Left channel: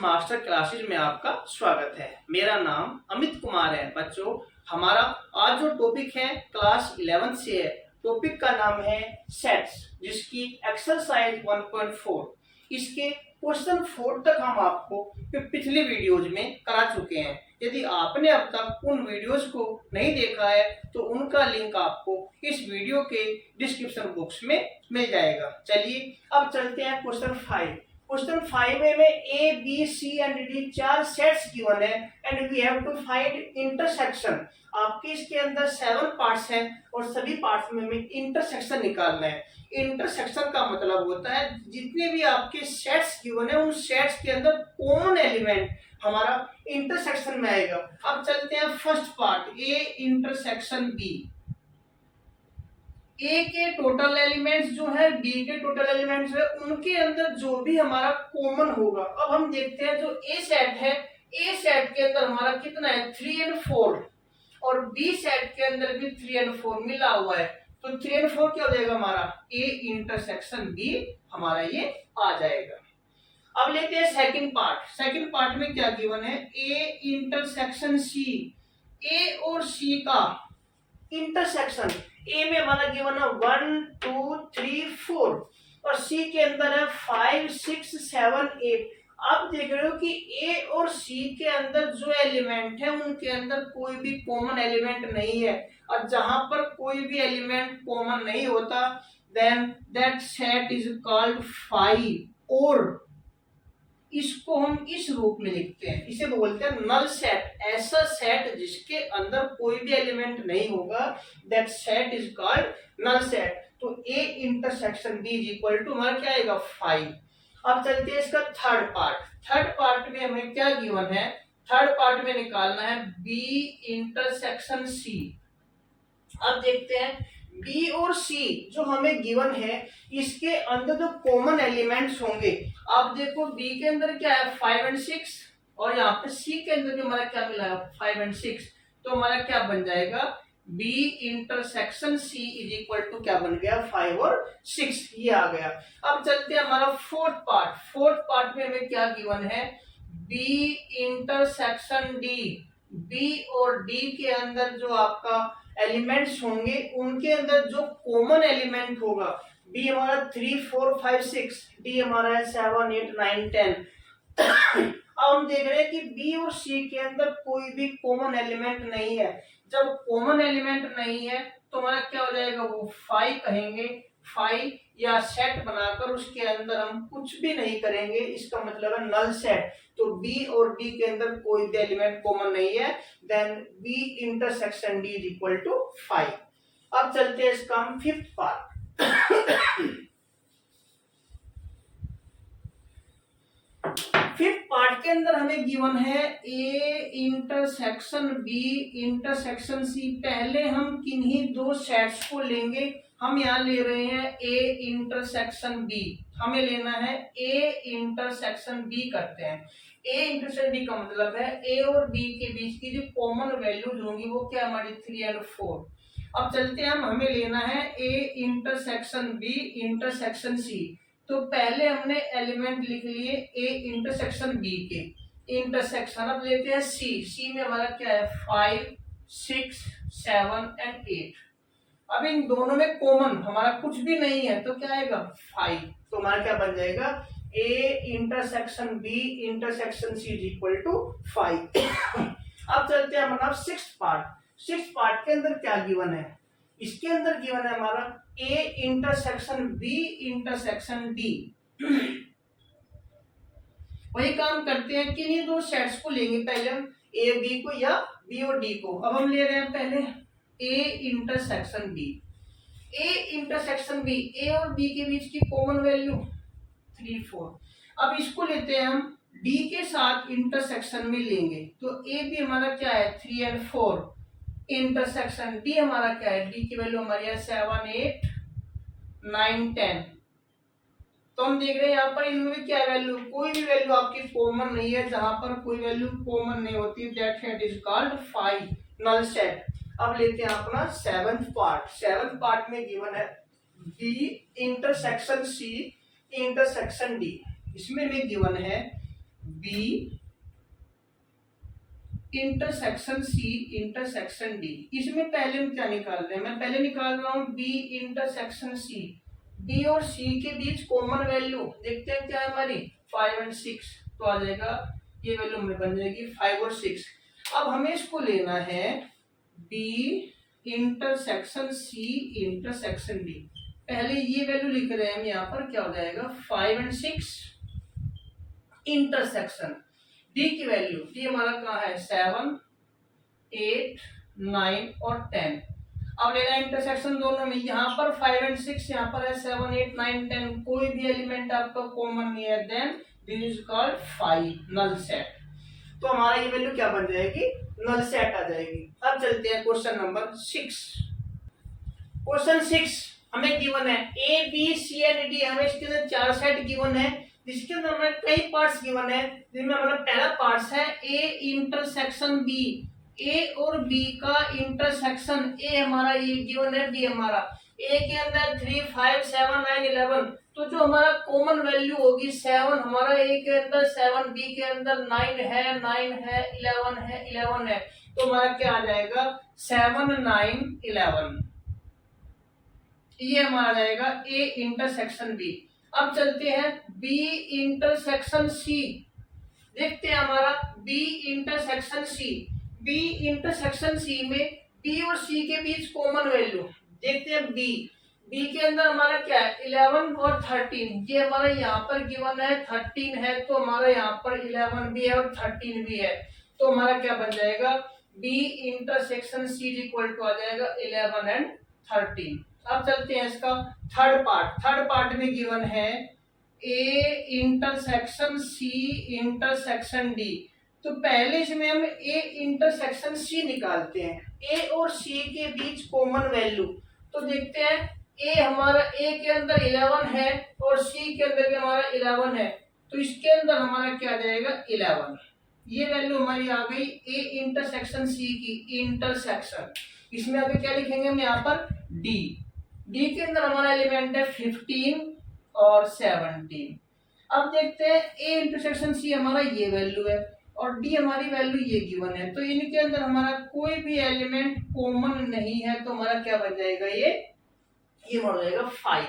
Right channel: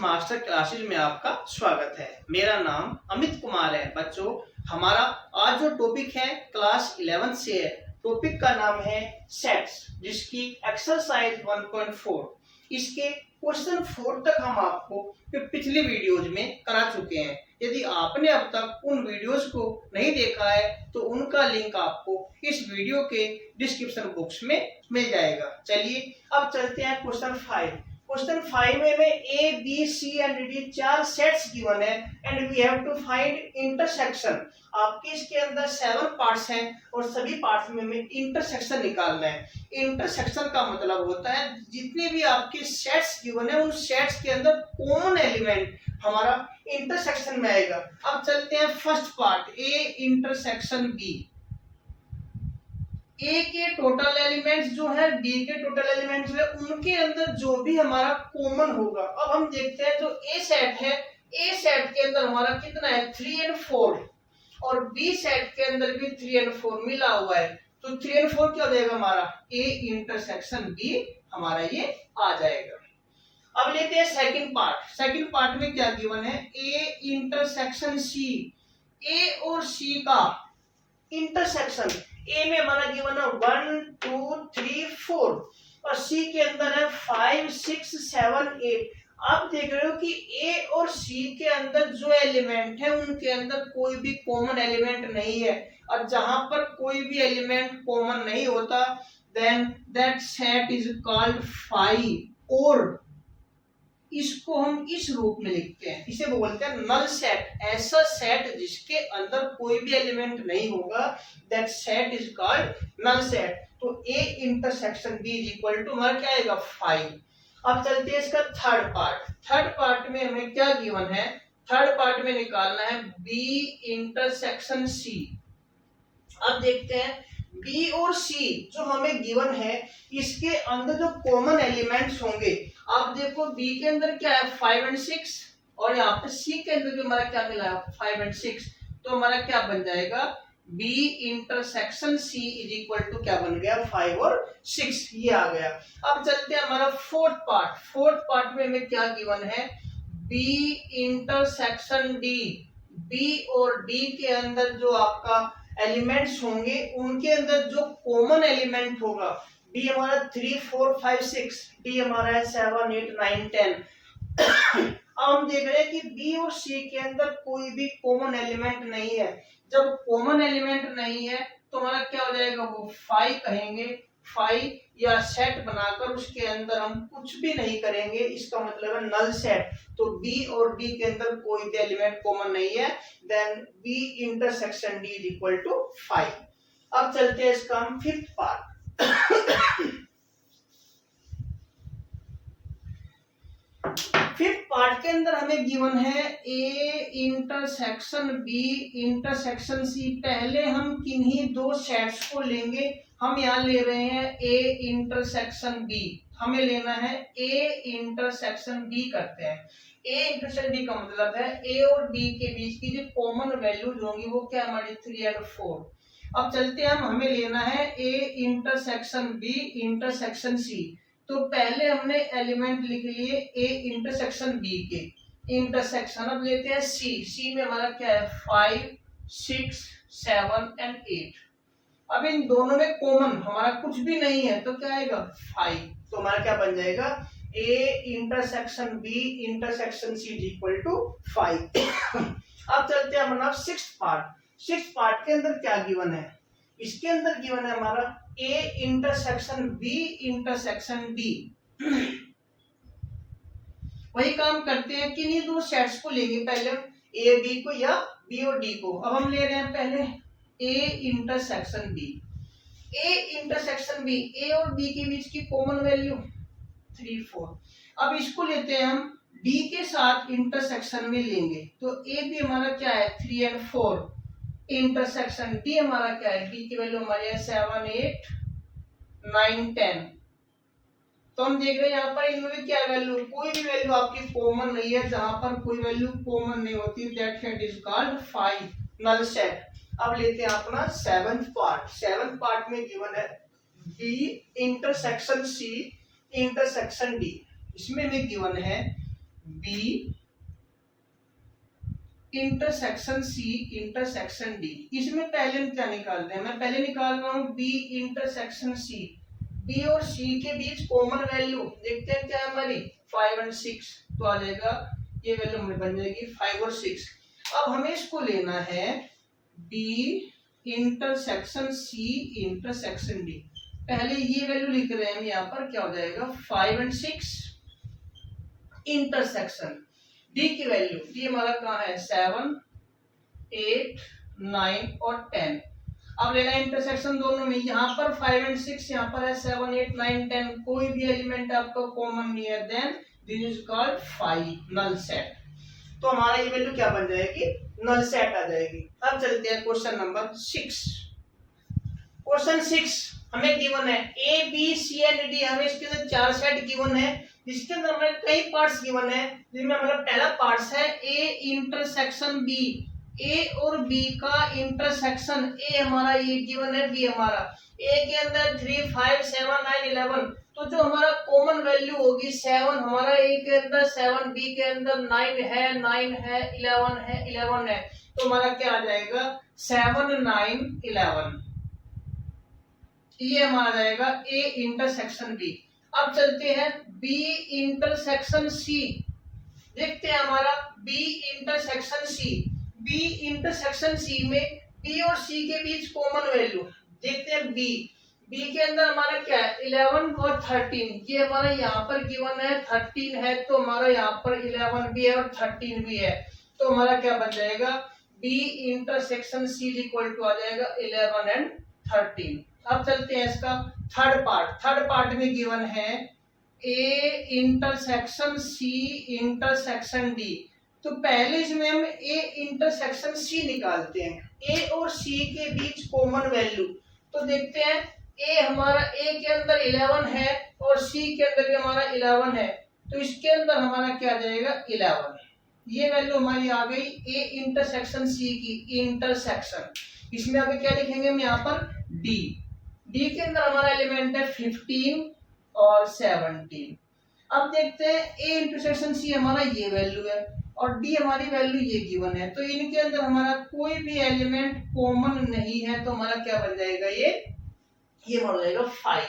Master classes में आपका स्वागत है। मेरा नाम अमित कुमार है। बच्चों, हमारा आज जो टॉपिक है क्लास 11 से है। टॉपिक का नाम है सेट्स, जिसकी एक्सरसाइज 1.4। इसके क्वेश्चन 4 तक हम आपको पिछले वीडियोज में करा चुके हैं। यदि आपने अब तक उन वीडियोज को नहीं देखा है तो उनका लिंक आपको इस वीडियो के डिस्क्रिप्शन बॉक्स में मिल जाएगा। चलिए अब चलते हैं क्वेश्चन 5। क्वेश्चन 5 में A B C and D 4 sets given है and we have to find intersection. आपके इसके अंदर 7 पार्ट्स हैं और सभी पार्ट्स में हमें इंटरसेक्शन निकालना है। इंटरसेक्शन का मतलब होता है जितने भी आपके सेट्स गिवन है उन सेट्स के अंदर कॉमन एलिमेंट हमारा इंटरसेक्शन में आएगा। अब चलते हैं first part, A intersection B. A के टोटल एलिमेंट्स जो है, बी के टोटल एलिमेंट्स है, उनके अंदर जो भी हमारा कॉमन होगा। अब हम देखते हैं जो ए सेट है, ए सेट के अंदर हमारा कितना है 3 और 4 और बी सेट के अंदर भी 3 और 4 मिला हुआ है। तो 3 और 4 क्या हो जाएगा हमारा ए इंटरसेक्शन बी, हमारा ये आ जाएगा। अब लेते हैं सेकंड पार्ट। सेकंड पार्ट में क्या गिवन है, ए इंटरसेक्शन सी। ए और सी का इंटरसेक्शन, ए में हमारा गिवन है 1 2 3 4 और सी के अंदर है 5 6 7 8। आप देख रहे हो कि ए और सी के अंदर जो एलिमेंट है उनके अंदर कोई भी कॉमन एलिमेंट नहीं है। और जहां पर कोई भी एलिमेंट कॉमन नहीं होता then that set is called phi, और इसको हम इस रूप में लिखते हैं, इसे बोलते हैं नल सेट। ऐसा सेट जिसके अंदर कोई भी एलिमेंट नहीं होगा, that set is called null set. तो A intersection B is equal to हमारा क्या आएगा 5। अब चलते हैं इसका थर्ड पार्ट। थर्ड पार्ट में हमें क्या गिवन है, थर्ड पार्ट में निकालना है बी इंटरसेक्शन सी। अब देखते हैं बी और सी जो हमें गिवन है इसके अंदर जो कॉमन एलिमेंट्स होंगे। आप देखो बी के अंदर क्या है 5 और 6 और यहाँ पे सी के अंदर भी हमारा क्या मिला है 5 और 6। तो हमारा क्या बन जाएगा B intersection C is equal to क्या बन गया 5 और 6, ये आ गया। अब चलते हैं हमारा फोर्थ पार्ट। फोर्थ पार्ट में हमें क्या गिवन है बी इंटरसेक्शन डी। बी और डी के अंदर जो आपका एलिमेंट्स होंगे उनके अंदर जो कॉमन एलिमेंट होगा, बी हमारा 3 4 5 6, डी हमारा है 7 8 9 10। अब हम देख रहे हैं कि बी और सी के अंदर कोई भी कॉमन एलिमेंट नहीं है। जब कॉमन एलिमेंट नहीं है तो हमारा क्या हो जाएगा, वो 5 कहेंगे। 5 या सेट बनाकर उसके अंदर हम कुछ भी नहीं करेंगे, इसका मतलब है नल सेट। तो बी और डी के अंदर कोई भी एलिमेंट कॉमन नहीं है, then B intersection D is equal to 5। अब चलते हैं इसका हम फिफ्थ पार्ट। फिफ्थ पार्ट के अंदर हमें गिवन है A intersection B intersection C. पहले हम किन्हीं दो सेट्स को लेंगे। हम यहाँ ले रहे हैं ए इंटरसेक्शन बी, हमें लेना है ए इंटरसेक्शन बी करते हैं। ए इंटरसेक्शन बी का मतलब है ए और बी के बीच की जो कॉमन वैल्यूज होंगी वो क्या हमारी 3 और 4। अब चलते हैं हमें लेना है A intersection B intersection C. तो पहले हमने एलिमेंट लिख लिए ए इंटरसेक्शन बी के इंटरसेक्शन। अब लेते हैं सी। सी में हमारा क्या है 5 6 7 एंड 8। अब इन दोनों में कॉमन हमारा कुछ भी नहीं है तो क्या आएगा 5। तो हमारा क्या बन जाएगा A intersection B intersection C is equal to 5। अब चलते हैं हमारा सिक्स्थ पार्ट। सिक्स्थ पार्ट के अंदर क्या गिवन है, इसके अंदर गिवन है हमारा A intersection B intersection D. वही काम करते हैं कि नहीं दो सेट्स को लेंगे, पहले हम ए बी को या बी और डी को। अब हम ले रहे हैं पहले A intersection B. A intersection B, A और बी के बीच की कॉमन वैल्यू 3 4। अब इसको लेते हैं हम डी के साथ इंटरसेक्शन में लेंगे। तो ए बी हमारा क्या है 3 और 4 इंटरसेक्शन डी हमारा क्या है, डी की वैल्यू हमारी है 7 8 9 10। तो हम देख रहे हैं यहाँ पर इनमें क्या वैल्यू, कोई भी वैल्यू आपकी कॉमन नहीं है। जहां पर कोई वैल्यू कॉमन नहीं होती that set is called 5 null set. अब लेते हैं अपना सेवंथ पार्ट। सेवंथ पार्ट में गिवन है B intersection C intersection D. इसमें भी गिवन है B intersection C intersection D. इसमें पहले हम क्या निकाल रहे हैं, मैं पहले निकाल रहा हूं बी इंटरसेक्शन सी। बी और सी के बीच कॉमन वैल्यू देखते हैं क्या है हमारी 5 और 6, तो आ जाएगा ये वैल्यू हमें बन जाएगी 5 और 6। अब हमें इसको लेना है B intersection C intersection D. पहले ये वैल्यू लिख रहे हैं यहाँ पर, क्या हो जाएगा 5 और 6 इंटरसेक्शन डी की वैल्यू, डी हमारा कहाँ है 7 8 9 और 10। अब लेना है इंटरसेक्शन दोनों में, यहाँ पर 5 और 6, यहाँ पर है 7 8 9 10, कोई भी एलिमेंट आपका कॉमन नहीं है, then this is called 5 null set. तो हमारा ये वैल्यू क्या बन जाएगी, नल सेट आ जाएगी। अब चलते हैं क्वेश्चन नंबर 6। क्वेश्चन 6 हमें गिवन है A B C and D, हमें इसके अंदर 4 सेट गिवन है, जिसके अंदर हमें कई पार्ट्स गिवन है, जिनमें हमारा पहला पार्ट्स है ए इंटरसेक्शन बी, ए और बी का इंटरसेक्शन, ए हमारा ये गिवन है, बी हमारा, ए के अंदर 3 5 7 9 11, तो जो हमारा कॉमन वैल्यू होगी 7 हमारा ए के अंदर 7, बी के अंदर 9 है 11 है 11 है, तो हमारा क्या आ जाएगा 7 9 11, ये हमारा आ जाएगा ए इंटरसेक्शन बी। अब चलते हैं बी इंटरसेक्शन सी, देखते हैं हमारा B intersection C. B intersection C में बी और सी के बीच कॉमन वैल्यू देखते हैं, बी बी के अंदर हमारा क्या है 11 और 13, ये हमारा यहाँ पर गिवन है 13 है, तो हमारा यहाँ पर 11 भी है और 13 भी है, तो हमारा क्या बन जाएगा B intersection C equal to आ जाएगा 11 एंड 13। अब चलते हैं इसका थर्ड पार्ट। थर्ड पार्ट में गिवन है A intersection C intersection D, तो पहले इसमें हम ए इंटरसेक्शन सी निकालते हैं, ए और सी के बीच कॉमन वैल्यू, तो देखते हैं ए हमारा ए के अंदर 11 है और सी के अंदर भी हमारा 11 है, तो इसके अंदर हमारा क्या आ जाएगा 11, ये वैल्यू हमारी आ गई ए इंटरसेक्शन सी की इंटरसेक्शन। इसमें आगे क्या लिखेंगे हम यहाँ पर डी, डी के अंदर हमारा एलिमेंट है 15 और 17। अब देखते हैं ए इंटरसेक्शन सी हमारा ये वैल्यू है और डी हमारी वैल्यू ये गिवन है, तो इनके अंदर हमारा कोई भी एलिमेंट कॉमन नहीं है, तो हमारा क्या बन जाएगा ये बन जाएगा 5।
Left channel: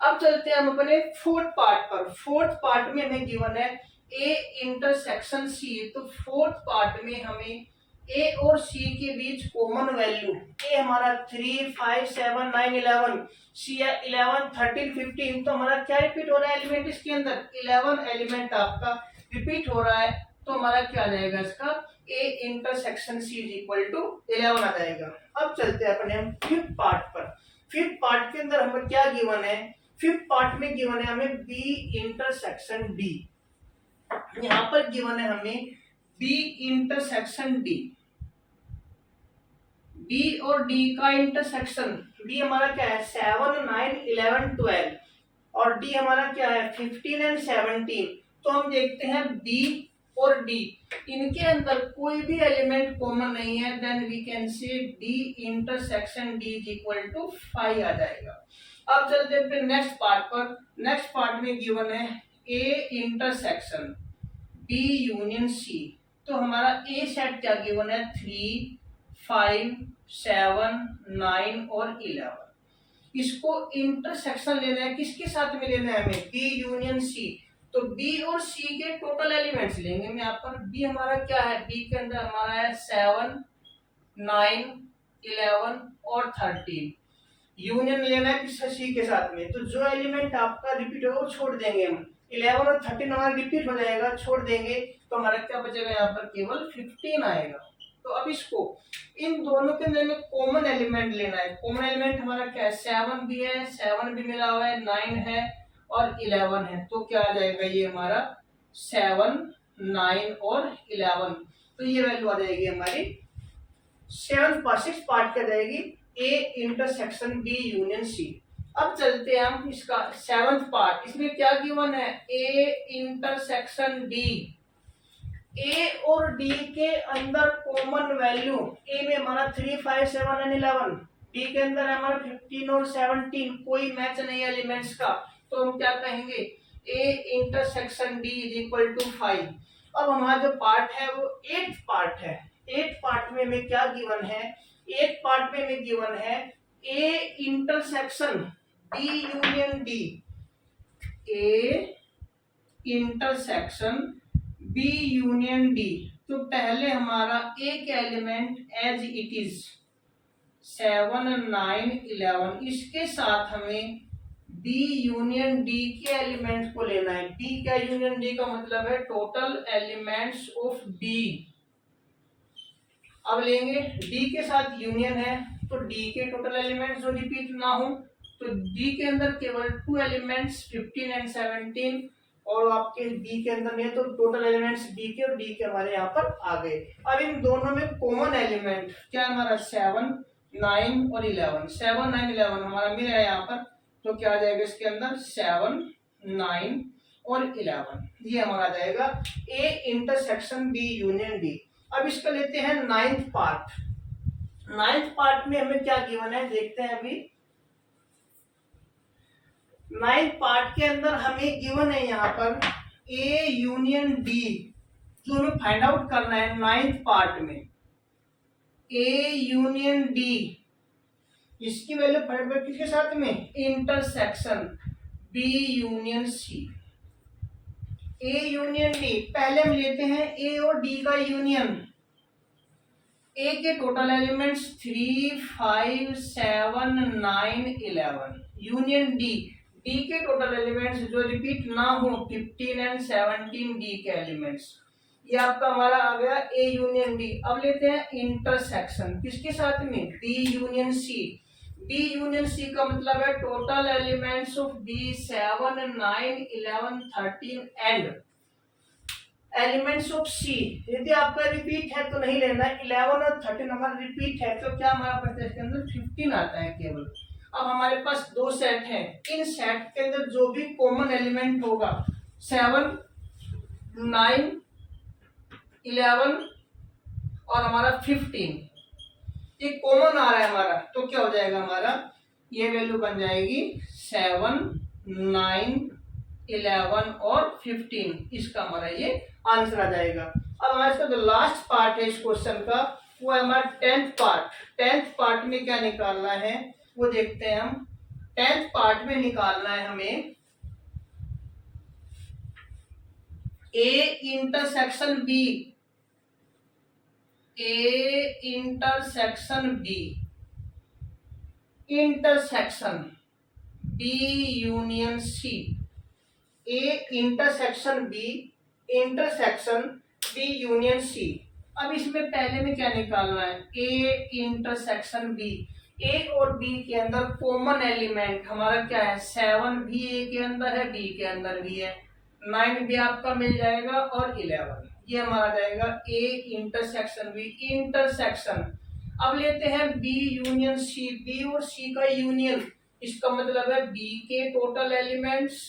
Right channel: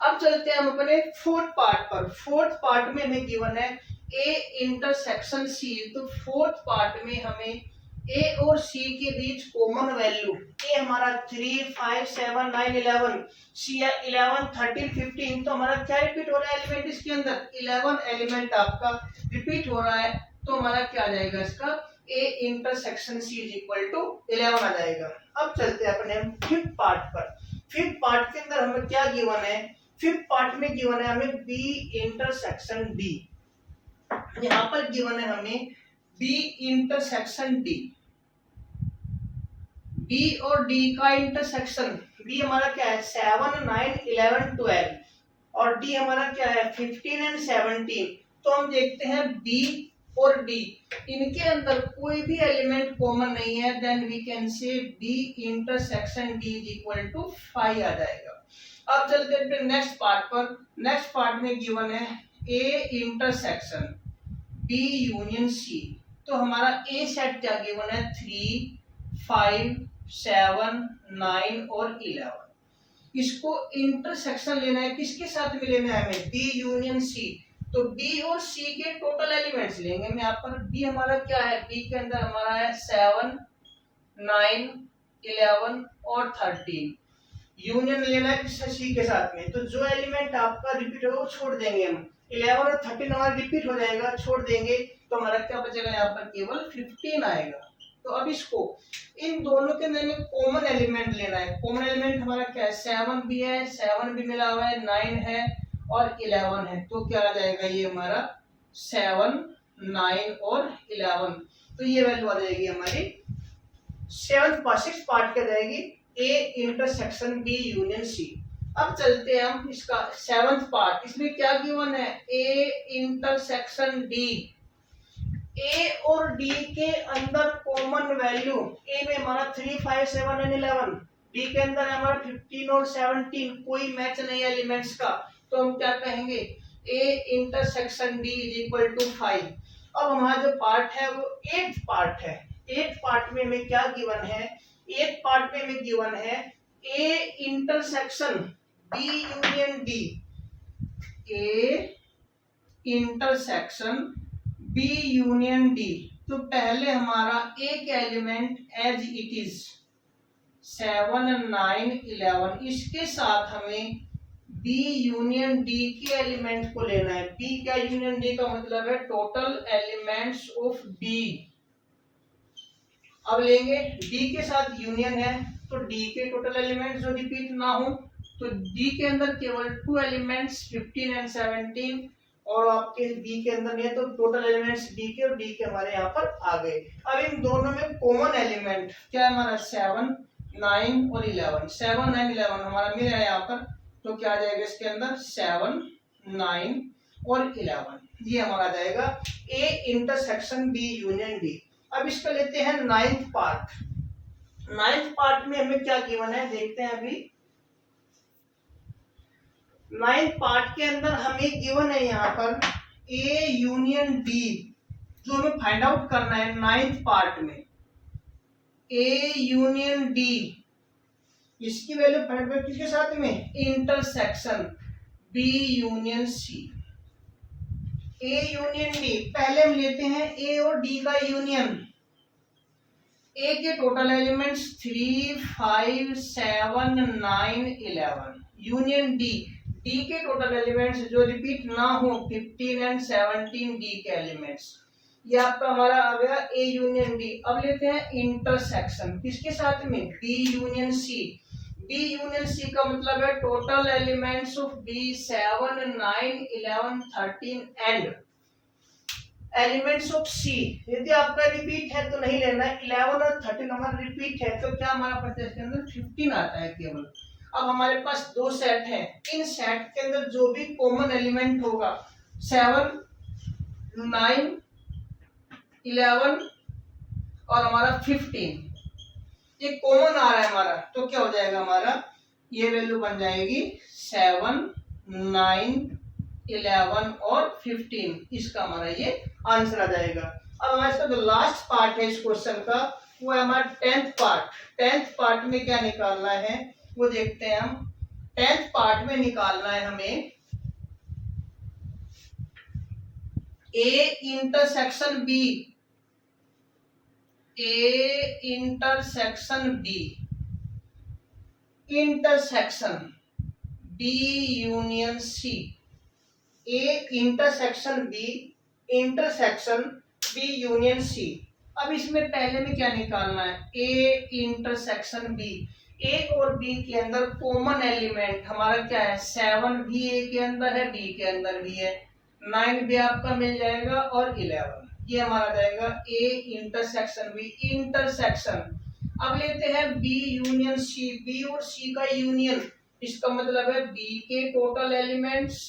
अब चलते हैं हम अपने फोर्थ पार्ट पर। फोर्थ पार्ट में हमें गिवन है ए इंटरसेक्शन सी, तो फोर्थ पार्ट में हमें ए और सी के बीच कॉमन वैल्यू, ए हमारा 3 5 7 9 11, सी है 11 13 15, तो हमारा क्या रिपीट हो रहा है एलिमेंट इसके अंदर 11 एलिमेंट आपका रिपीट हो रहा है, तो हमारा क्या आ जाएगा इसका A intersection C equal to 11 आ जाएगा। अब चलते हैं अपने फिफ्थ पार्ट पर। फिफ्थ पार्ट के अंदर हमें क्या गिवन है, फिफ्थ पार्ट में गिवन है हमें बी इंटरसेक्शन डी, यहाँ पर गिवन है हमें बी इंटरसेक्शन डी, बी और डी का इंटरसेक्शन, बी हमारा क्या है 7 9 11 12 और डी हमारा क्या है 15 एंड 17, तो हम देखते हैं बी और डी इनके अंदर कोई भी एलिमेंट कॉमन नहीं है, then we can say B intersection D is equal to 5 आ जाएगा। अब चलते हैं फिर नेक्स्ट पार्ट पर। नेक्स्ट पार्ट में गिवन है A intersection B union C, तो हमारा ए सेट क्या गिवन है 3 5 7 9 और 11। इसको इंटरसेक्शन लेना है, किसके साथ में लेना है हमें बी यूनियन सी, तो बी और सी के टोटल एलिमेंट्स लेंगे हम यहाँ पर। बी हमारा क्या है, बी के अंदर हमारा है 7 9 11 और 13, यूनियन लेना है किस सी के साथ में, तो जो एलिमेंट आपका रिपीट होगा वो छोड़ देंगे हम, 11 और 13 हमारा रिपीट हो जाएगा, छोड़ देंगे, तो हमारा क्या बचेगा यहाँ पर केवल 15 आएगा। तो अब इसको इन दोनों के अंदर में कॉमन एलिमेंट लेना है। कॉमन एलिमेंट हमारा क्या है 7 भी है, 7 भी मिला हुआ है, 9 है और 11 है, तो क्या आ जाएगा ये हमारा 7 9 और 11, तो ये वैल्यू आ जाएगी हमारी सिक्स पार्ट क्या जाएगी A intersection B union C. अब चलते हैं हम इसका सेवंथ पार्ट, इसमें क्या गिवन है ए इंटरसेक्शन डी, ए और डी के अंदर कॉमन वैल्यू, ए में हमारा 3 5 7 एंड 11, डी के अंदर है हमारा 15 और 17, कोई मैच नहीं एलिमेंट्स का, तो हम क्या कहेंगे A intersection D is equal to 5। अब हमारा जो पार्ट है वो 8th पार्ट है। 8th पार्ट में हमें क्या गिवन है? 8th पार्ट में हमें गिवन है A intersection B union D, A intersection B union D. तो पहले हमारा ए का एलिमेंट एज इट इज 7, 9, 11, इसके साथ हमें बी यूनियन डी के एलिमेंट्स को लेना है। बी का यूनियन डी का मतलब है टोटल एलिमेंट्स ऑफ बी। अब लेंगे डी के साथ यूनियन है तो डी के टोटल एलिमेंट्स जो रिपीट ना हो, तो डी के अंदर केवल 2 एलिमेंट्स 15 एंड 17, और आपके बी के अंदर में तो टोटल एलिमेंट्स बी के और डी के हमारे यहाँ पर आ गए। अब इन दोनों में कॉमन एलिमेंट क्या है हमारा? 7, 9 और 11। 7, 9, 11 हमारा मिला है यहाँ पर, तो क्या आ जाएगा इसके अंदर? 7, 9 और 11, ये हमारा आ जाएगा A intersection B union D. अब इसका लेते हैं 9th पार्ट। 9th पार्ट में हमें क्या गिवन है देखते हैं अभी। 9th पार्ट के अंदर हमें गिवन है यहाँ पर ए यूनियन डी, जो हमें फाइंड आउट करना है 9th पार्ट में। ए यूनियन डी, इसकी वैल्यू फाइंड आउट किसके साथ में? Intersection B union C. A union D, पहले हम लेते हैं ए और डी का यूनियन। ए के total elements 3, 5, 7, 9, 11, union D. D के टोटल एलिमेंट्स जो रिपीट ना हो 15 एंड 17 डी के एलिमेंट्स, ये आपका हमारा आ गया ए यूनियन डी। अब लेते हैं इंटरसेक्शन किसके साथ में? B union C. B union C का मतलब है total elements of B 7, 9, 11, 13 and elements of C. यदि आपका रिपीट है तो नहीं लेना है, 11 और 13 हमारा रिपीट है तो क्या हमारा पड़ता है इसके अंदर? 15 आता है केवल। अब हमारे पास 2 सेट हैं, इन सेट के अंदर जो भी कॉमन एलिमेंट होगा 7, 9, 11 और हमारा 15, ये कॉमन आ रहा है हमारा, तो क्या हो जाएगा हमारा? ये वैल्यू बन जाएगी 7, 9, 11 और 15, इसका हमारा ये आंसर आ जाएगा। अब हमारे इसका जो लास्ट पार्ट है इस क्वेश्चन का वो है हमारा 10th पार्ट। 10th पार्ट में क्या निकालना है वो देखते हैं हम। 10th पार्ट में निकालना है हमें A intersection B, A intersection B, intersection B union C. A intersection B, intersection B union C. अब इसमें पहले में क्या निकालना है? A intersection B. ए और बी के अंदर कॉमन एलिमेंट हमारा क्या है? 7 भी ए के अंदर है, बी के अंदर भी है, 9 भी आपका मिल जाएगा और 11, ये हमारा जाएगा ए इंटरसेक्शन बी। इंटरसेक्शन अब लेते हैं बी यूनियन सी। बी और सी का यूनियन, इसका मतलब है बी के टोटल एलिमेंट्स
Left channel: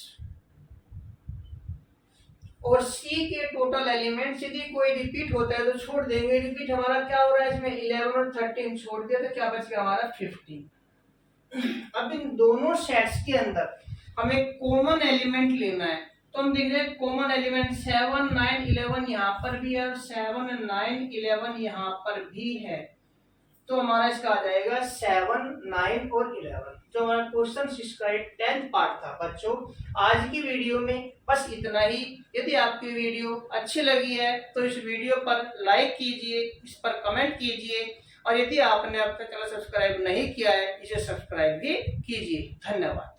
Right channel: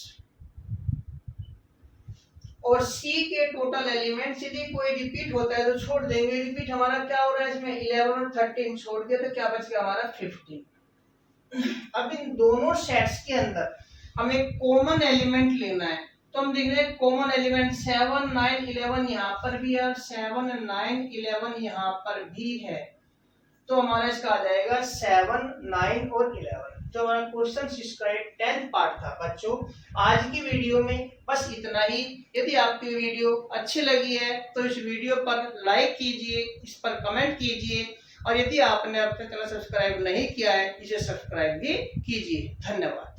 और सी के टोटल एलिमेंट्स। यदि कोई रिपीट होता है तो छोड़ देंगे। रिपीट हमारा क्या हो रहा है इसमें? 11 और 13 छोड़ दिया तो क्या बच गया हमारा? 15। अब इन दोनों सेट्स के अंदर हमें कॉमन एलिमेंट लेना है, तो हम देख रहे हैं कॉमन एलिमेंट 7, 9, 11 यहाँ पर भी है, 7, 9, 11 यहाँ पर भी है, तो हमारा इसका आ जाएगा 7, 9 और 11। जो हमारा क्वेश्चन इसका 10th पार्ट था बच्चों। आज की वीडियो में बस इतना ही। यदि आपकी वीडियो अच्छी लगी है तो इस वीडियो पर लाइक कीजिए, इस पर कमेंट कीजिए, और यदि आपने अब तक चैनल सब्सक्राइब नहीं किया है इसे सब्सक्राइब भी कीजिए। धन्यवाद।